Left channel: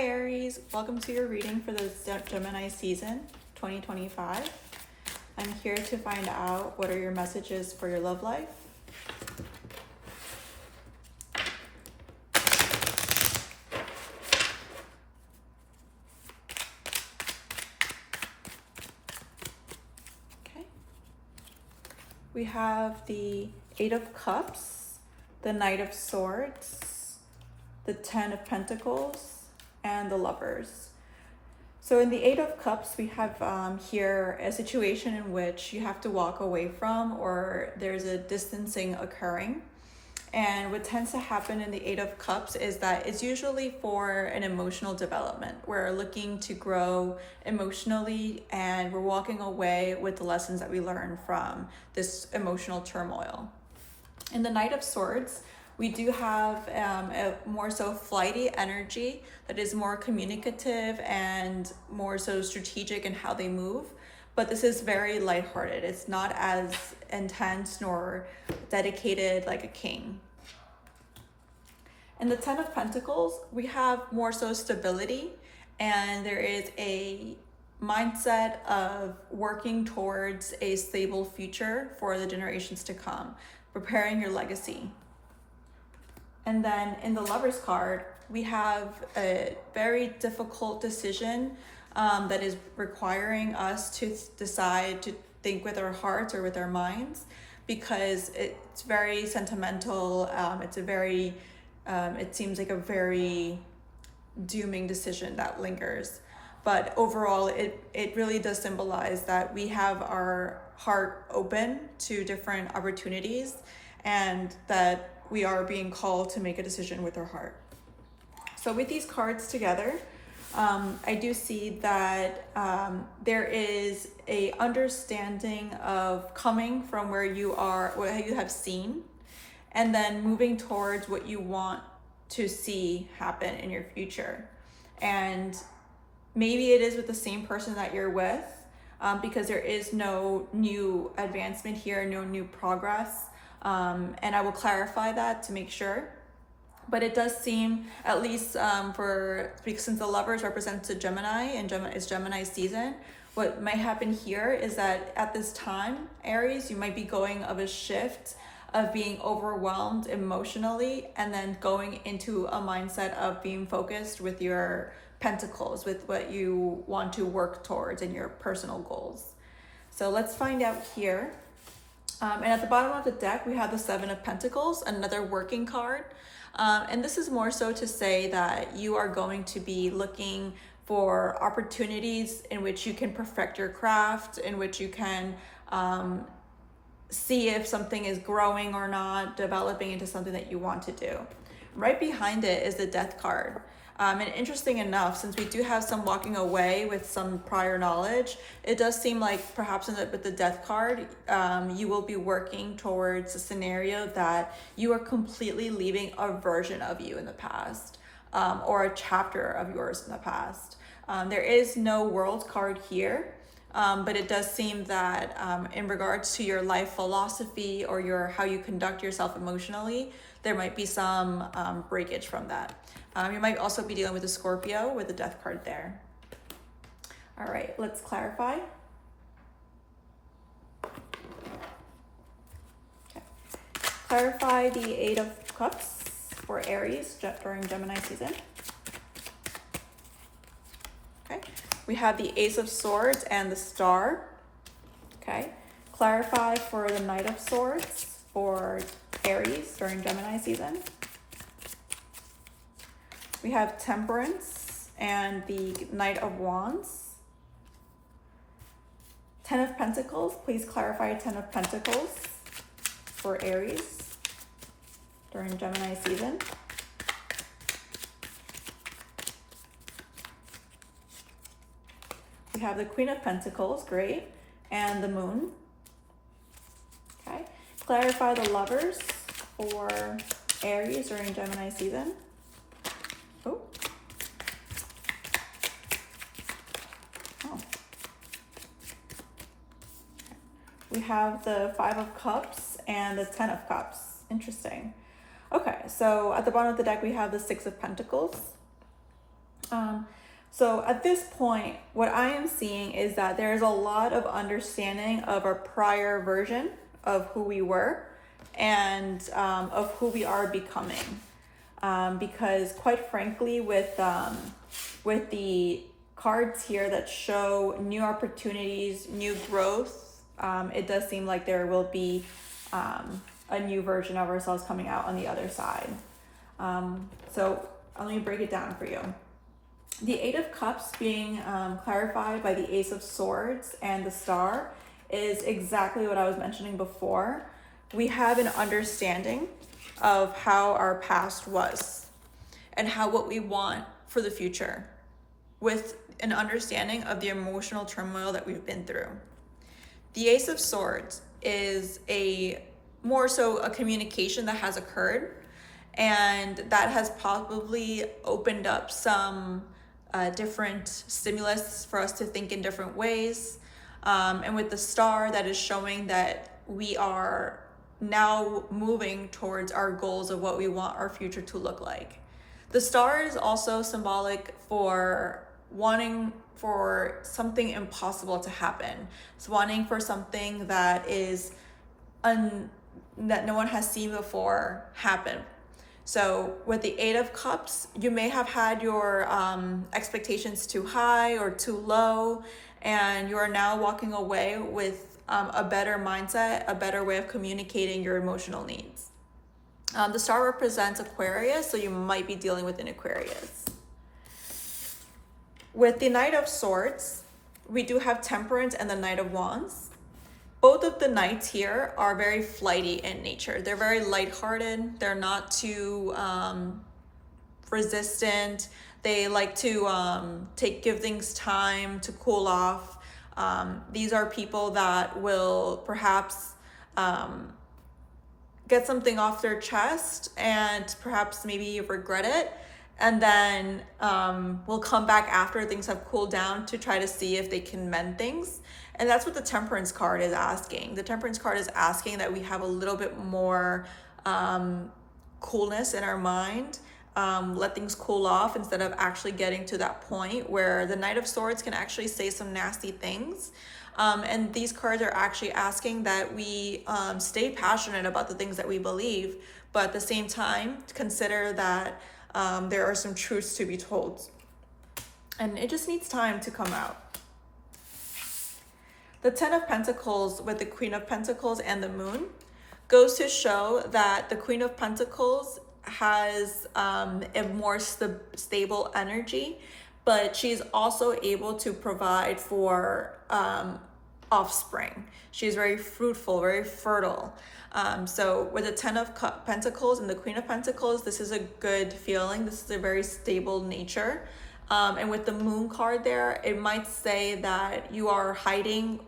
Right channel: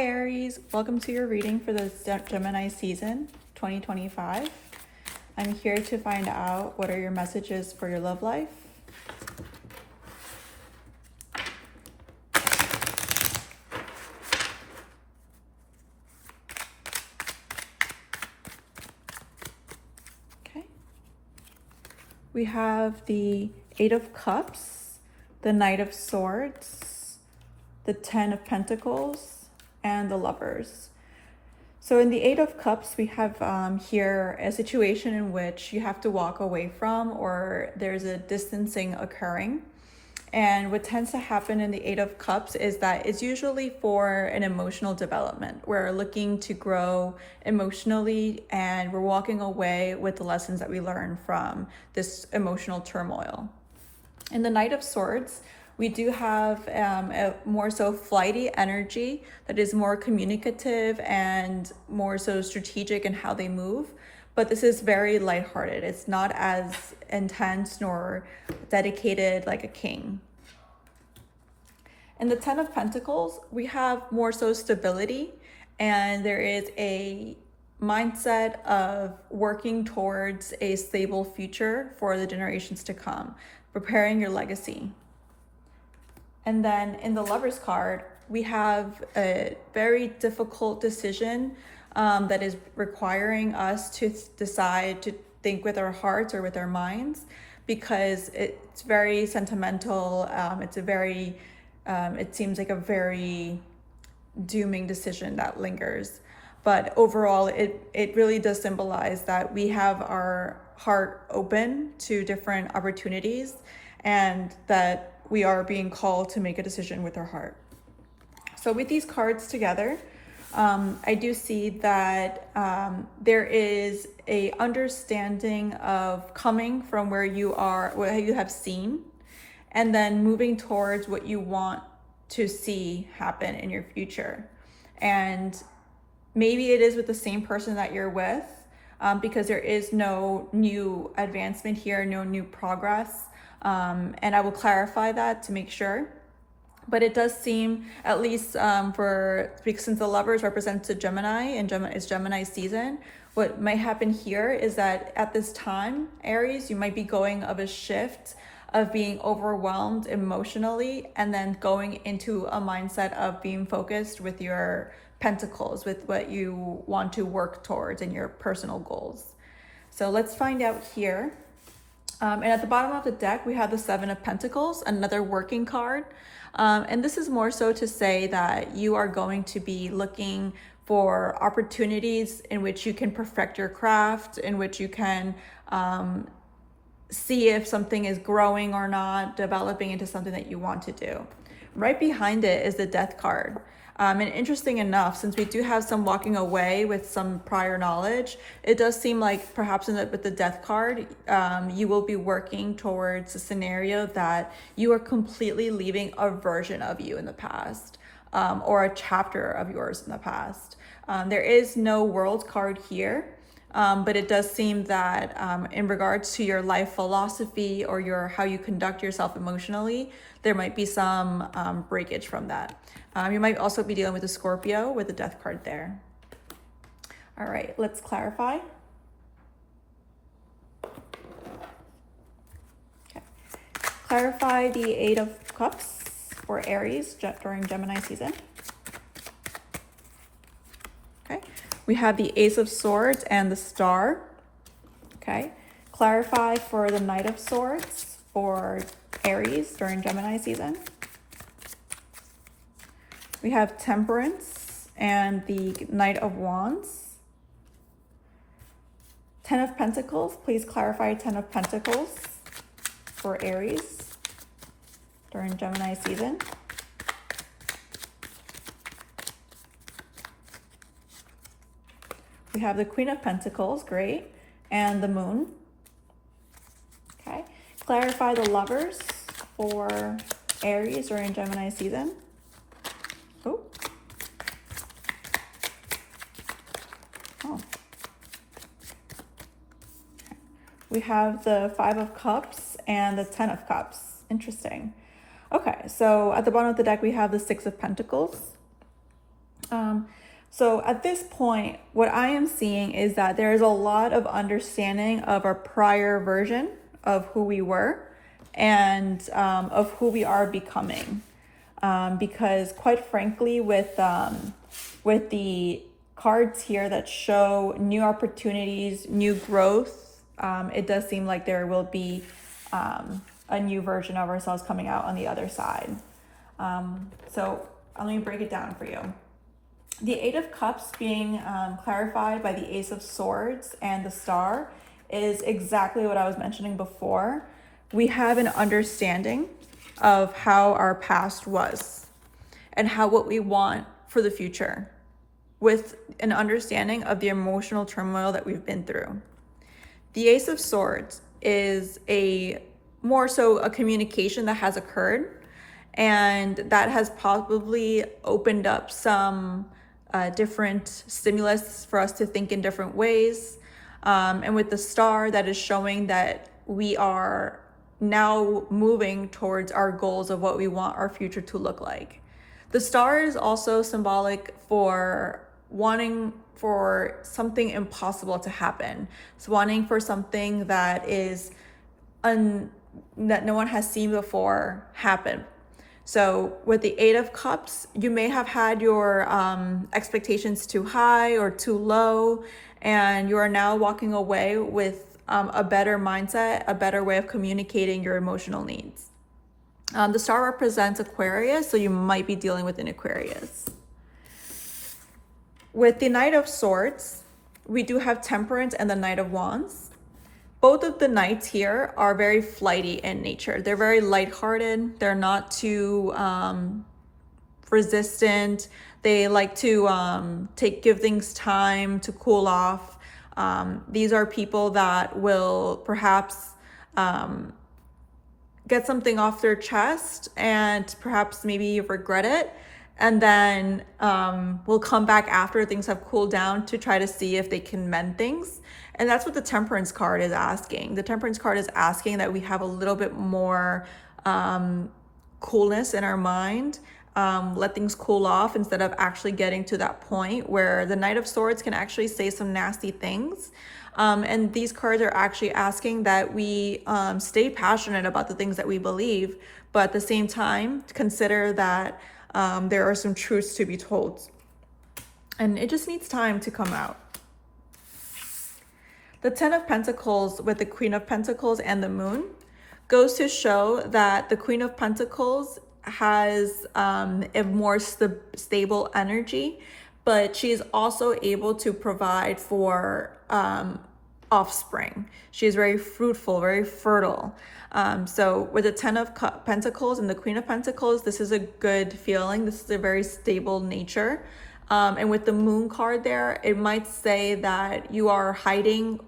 Hi Aries, welcome to your reading for the Gemini season 2025. I'm here to find out what are your messages for your love life. Okay. We have the Eight of Cups, the Knight of Swords, the Ten of Pentacles, and the Lovers. So in the Eight of Cups, we have here a situation in which you have to walk away from, or there's a distancing occurring. And what tends to happen in the Eight of Cups is that it's usually for an emotional development. We're looking to grow emotionally and we're walking away with the lessons that we learned from this emotional turmoil. In the Knight of Swords, we do have a more so flighty energy that is more communicative and more so strategic in how they move. But this is very lighthearted. It's not as intense nor dedicated like a king. In the Ten of Pentacles, we have more so stability, and there is a mindset of working towards a stable future for the generations to come, preparing your legacy. And then in the Lovers card, we have a very difficult decision that is requiring us to decide to think with our hearts or with our minds, because it's very sentimental. It seems like a very dooming decision that lingers. But overall, it really does symbolize that we have our heart open to different opportunities and that we are being called to make a decision with our heart. So with these cards together, I do see that there is a understanding of coming from where you are, what you have seen, and then moving towards what you want to see happen in your future. And maybe it is with the same person that you're with, because there is no new advancement here, no new progress. And I will clarify that to make sure. But it does seem, at least because since the Lovers represents a Gemini and it's Gemini season, what might happen here is that at this time, Aries, you might be going of a shift of being overwhelmed emotionally and then going into a mindset of being focused with your pentacles, with what you want to work towards and your personal goals. So let's find out here. And at the bottom of the deck, we have the Seven of Pentacles, another working card. And this is more so to say that you are going to be looking for opportunities in which you can perfect your craft, in which you can see if something is growing or not, developing into something that you want to do. Right behind it is the Death card. And interesting enough, since we do have some walking away with some prior knowledge, it does seem like perhaps with the Death card, you will be working towards a scenario that you are completely leaving a version of you in the past, or a chapter of yours in the past. There is no World card here, but it does seem that in regards to your life philosophy or how you conduct yourself emotionally, there might be some breakage from that. You might also be dealing with a Scorpio with the Death card there. All right, let's clarify. Okay. Clarify the Eight of Cups for Aries during Gemini season. Okay. We have the Ace of Swords and the Star. Okay. Clarify for the Knight of Swords for Aries during Gemini season. We have Temperance and the Knight of Wands. Ten of Pentacles. Please clarify Ten of Pentacles for Aries during Gemini season. We have the Queen of Pentacles, great, and the Moon. Okay, clarify the Lovers for Aries during Gemini season. Oh. We have the Five of Cups and the Ten of Cups. Interesting. Okay, so at the bottom of the deck, we have the Six of Pentacles. So at this point, what I am seeing is that there is a lot of understanding of our prior version of who we were and of who we are becoming. Because quite frankly, with the cards here that show new opportunities, new growth, it does seem like there will be a new version of ourselves coming out on the other side. So let me break it down for you. The Eight of Cups being clarified by the Ace of Swords and the Star is exactly what I was mentioning before. We have an understanding of how our past was and how what we want for the future, with an understanding of the emotional turmoil that we've been through. The Ace of Swords is more so a communication that has occurred, and that has probably opened up some different stimulus for us to think in different ways. And with the Star, that is showing that we are now moving towards our goals of what we want our future to look like. The Star is also symbolic for wanting for something impossible to happen. It's wanting for something that is that no one has seen before happen. So with the Eight of Cups, you may have had your expectations too high or too low, and you are now walking away with a better mindset, a better way of communicating your emotional needs. The Star represents Aquarius, so you might be dealing with an Aquarius. With the Knight of Swords, we do have Temperance and the Knight of Wands. Both of the knights give are very flighty in nature. They're very lighthearted. They're not too resistant. They like to give things time to cool off. These are people that will perhaps get something off their chest and perhaps maybe regret it, and then will come back after things have cooled down to try to see if they can mend things. And that's what the Temperance card is asking. The Temperance card is asking that we have a little bit more coolness in our mind, let things cool off instead of actually getting to that point where the Knight of Swords can actually say some nasty things. And these cards are actually asking that we stay passionate about the things that we believe, but at the same time, consider that there are some truths to be told. And it just needs time to come out. The Ten of Pentacles with the Queen of Pentacles and the Moon goes to show that the Queen of Pentacles has a more stable energy, but she is also able to provide for offspring. She is very fruitful, very fertile. So with the Ten of Pentacles and the Queen of Pentacles, this is a good feeling. This is a very stable nature. And with the Moon card there, it might say that you are hiding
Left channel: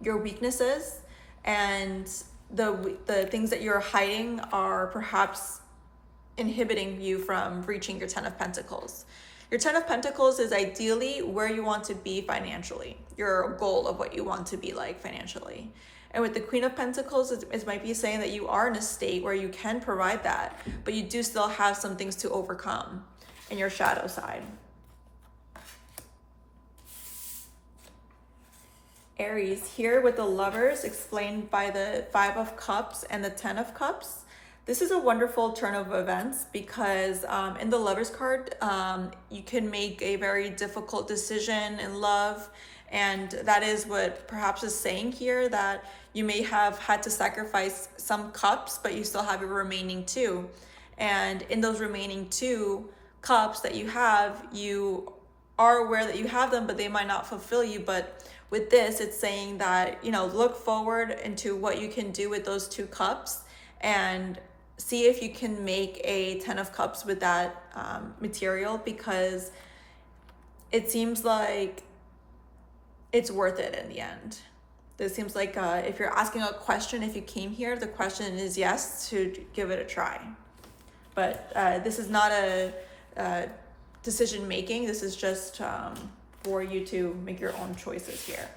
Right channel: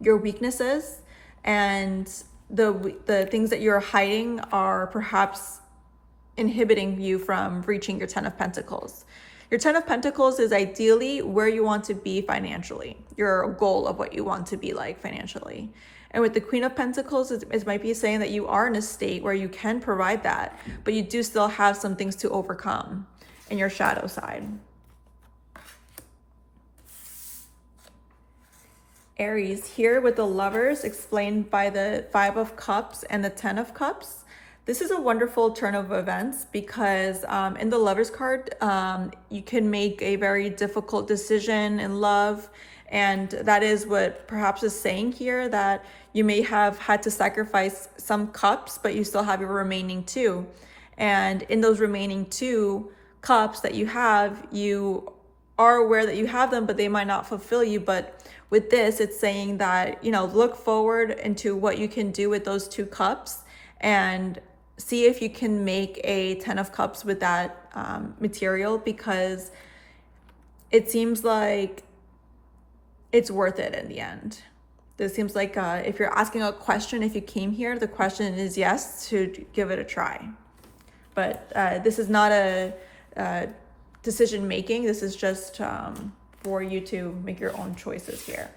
your weaknesses, and the things that you're hiding are perhaps inhibiting you from reaching your Ten of Pentacles. Your Ten of Pentacles is ideally where you want to be financially, your goal of what you want to be like financially. And with the Queen of Pentacles, it might be saying that you are in a state where you can provide that, but you do still have some things to overcome in your shadow side. Aries, here with the Lovers, explained by the Five of Cups and the Ten of Cups. This is a wonderful turn of events because in the Lovers card, you can make a very difficult decision in love. And that is what perhaps is saying here, that you may have had to sacrifice some cups, but you still have your remaining two. And in those remaining two cups that you are aware that you have them, but they might not fulfill you. But with this, it's saying that, look forward into what you can do with those two cups and see if you can make a 10 of cups with that material, because it seems like it's worth it in the end. This seems like if you're asking a question, if you came here, the question is yes, to give it a try. But this is not a decision making. This is just for you to make your own choices here.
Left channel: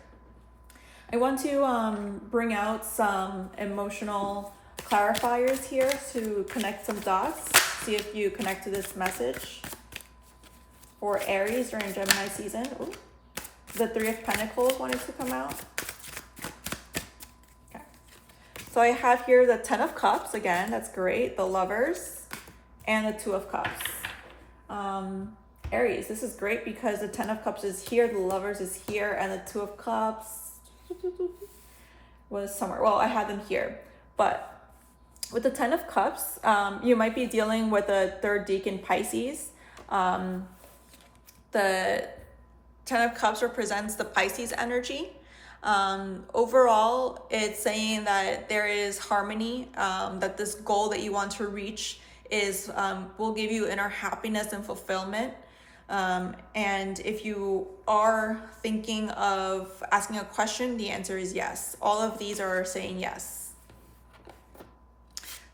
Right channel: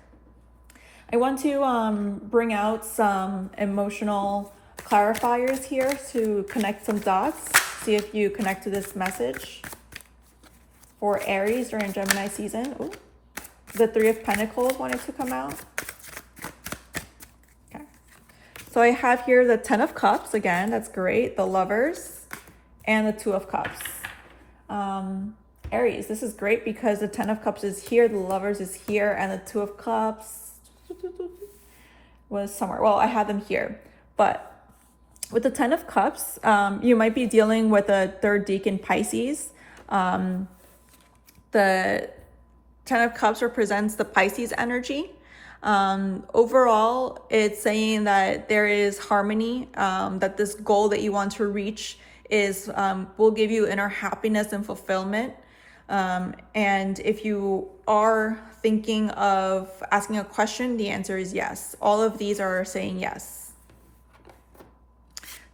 I want to bring out some emotional clarifiers here to connect some dots. See if you connect to this message. for Aries during Gemini season. Ooh. The Three of Pentacles wanted to come out. Okay. So I have here the Ten of Cups again. That's great. The Lovers and the Two of Cups. Aries, this is great because the Ten of Cups is here, the Lovers is here, and the Two of Cups was somewhere. Well, I have them here, but with the Ten of Cups, you might be dealing with a third decan Pisces. The Ten of Cups represents the Pisces energy. Overall, it's saying that there is harmony, that this goal that you want to reach is will give you inner happiness and fulfillment. And if you are thinking of asking a question, the answer is yes. All of these are saying yes.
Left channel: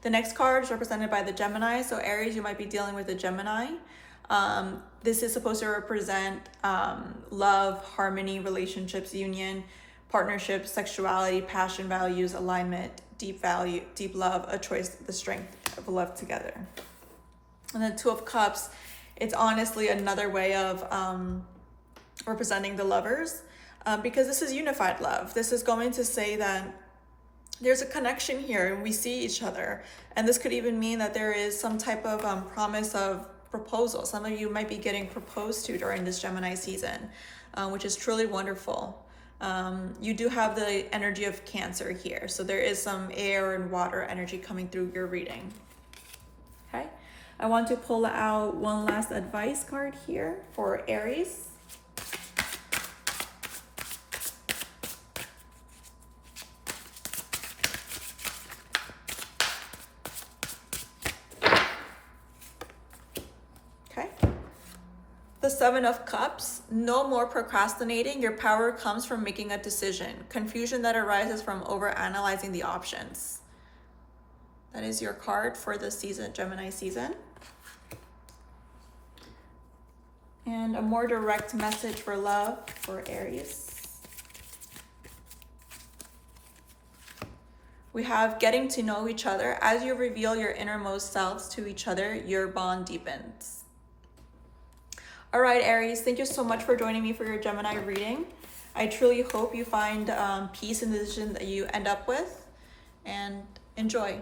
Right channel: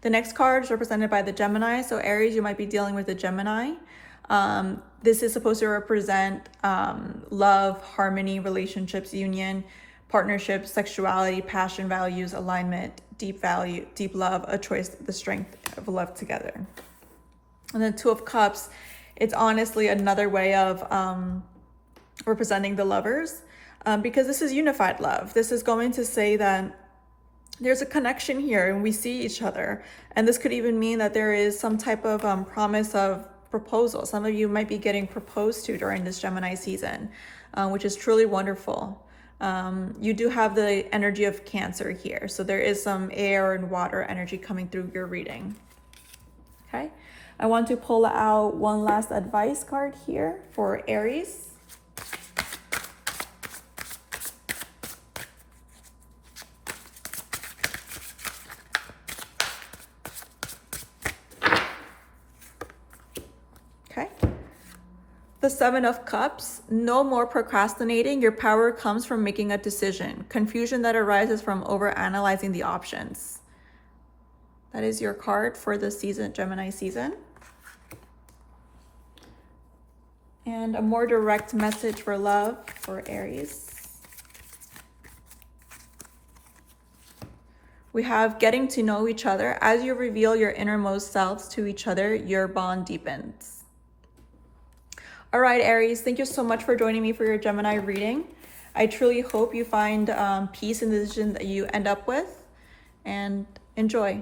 The next card is represented by the Gemini. So Aries, you might be dealing with a Gemini. This is supposed to represent love, harmony, relationships, union, partnerships, sexuality, passion, values, alignment, deep value, deep love, a choice, the strength of love together. And then Two of Cups, it's honestly another way of representing the Lovers, because this is unified love. This is going to say that there's a connection here and we see each other. And this could even mean that there is some type of promise of proposal. Some of you might be getting proposed to during this Gemini season, which is truly wonderful. You do have the energy of Cancer here. So there is some air and water energy coming through your reading. Okay. I want to pull out one last advice card here for Aries. Okay. The Seven of Cups, no more procrastinating. Your power comes from making a decision. Confusion that arises from overanalyzing the options. That is your card for the season, Gemini season. And a more direct message for love for Aries. We have getting to know each other. As you reveal your innermost selves to each other, your bond deepens. All right, Aries, thank you so much for joining me for your Gemini reading. I truly hope you find peace in the decision that you end up with, and enjoy.